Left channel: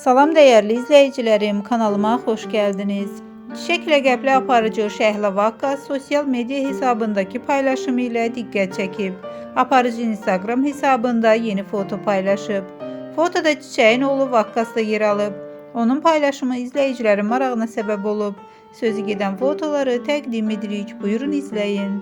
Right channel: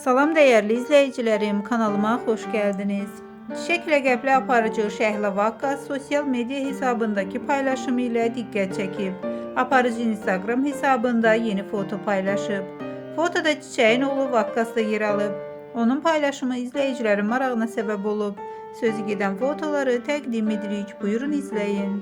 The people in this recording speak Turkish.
Salam dəyərli izləyicilərim, kanalıma xoş gəldiniz. Çiçək ləqəbli aparıcı Şəhla Vakkas sosial media hesabındaki paylaşımı ilə diqqət çəkib. Aparıcı Instagram hesabında yeni foto paylaşıb. Fotoda çiçəyin oğlu Vakkas da yer alıb. Onun paylaşımı izləyicilərin marağına səbəb olub. Sözü gedən fotoları təqdim edirik. Buyurun izləyin.